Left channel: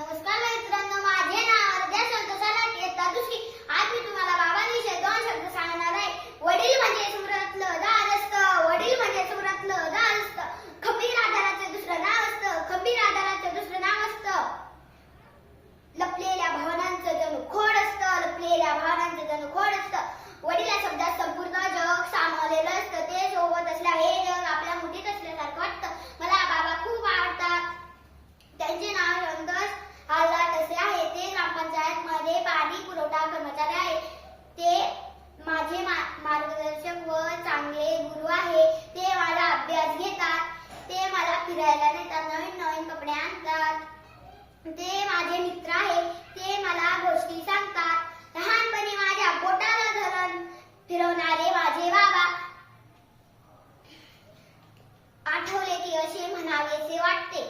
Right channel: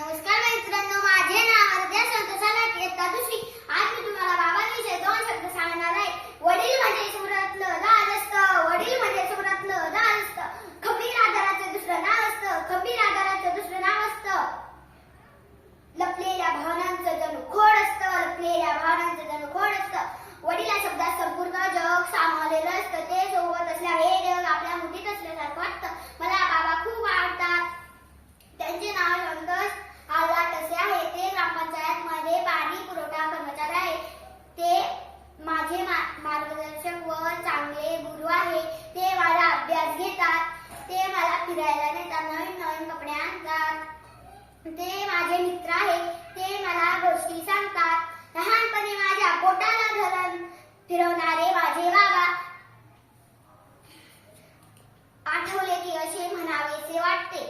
नमस्कार फिरायला नेतात नवीन नवीन कपडे आणतात. ते माझे मित्र आहे ते मला गोष्टी सांगतात. लहानपणी माझ्या पोटाला धरण फिरवणारे माझे बाबा आठवले की असे म्हणावेसे वाटते.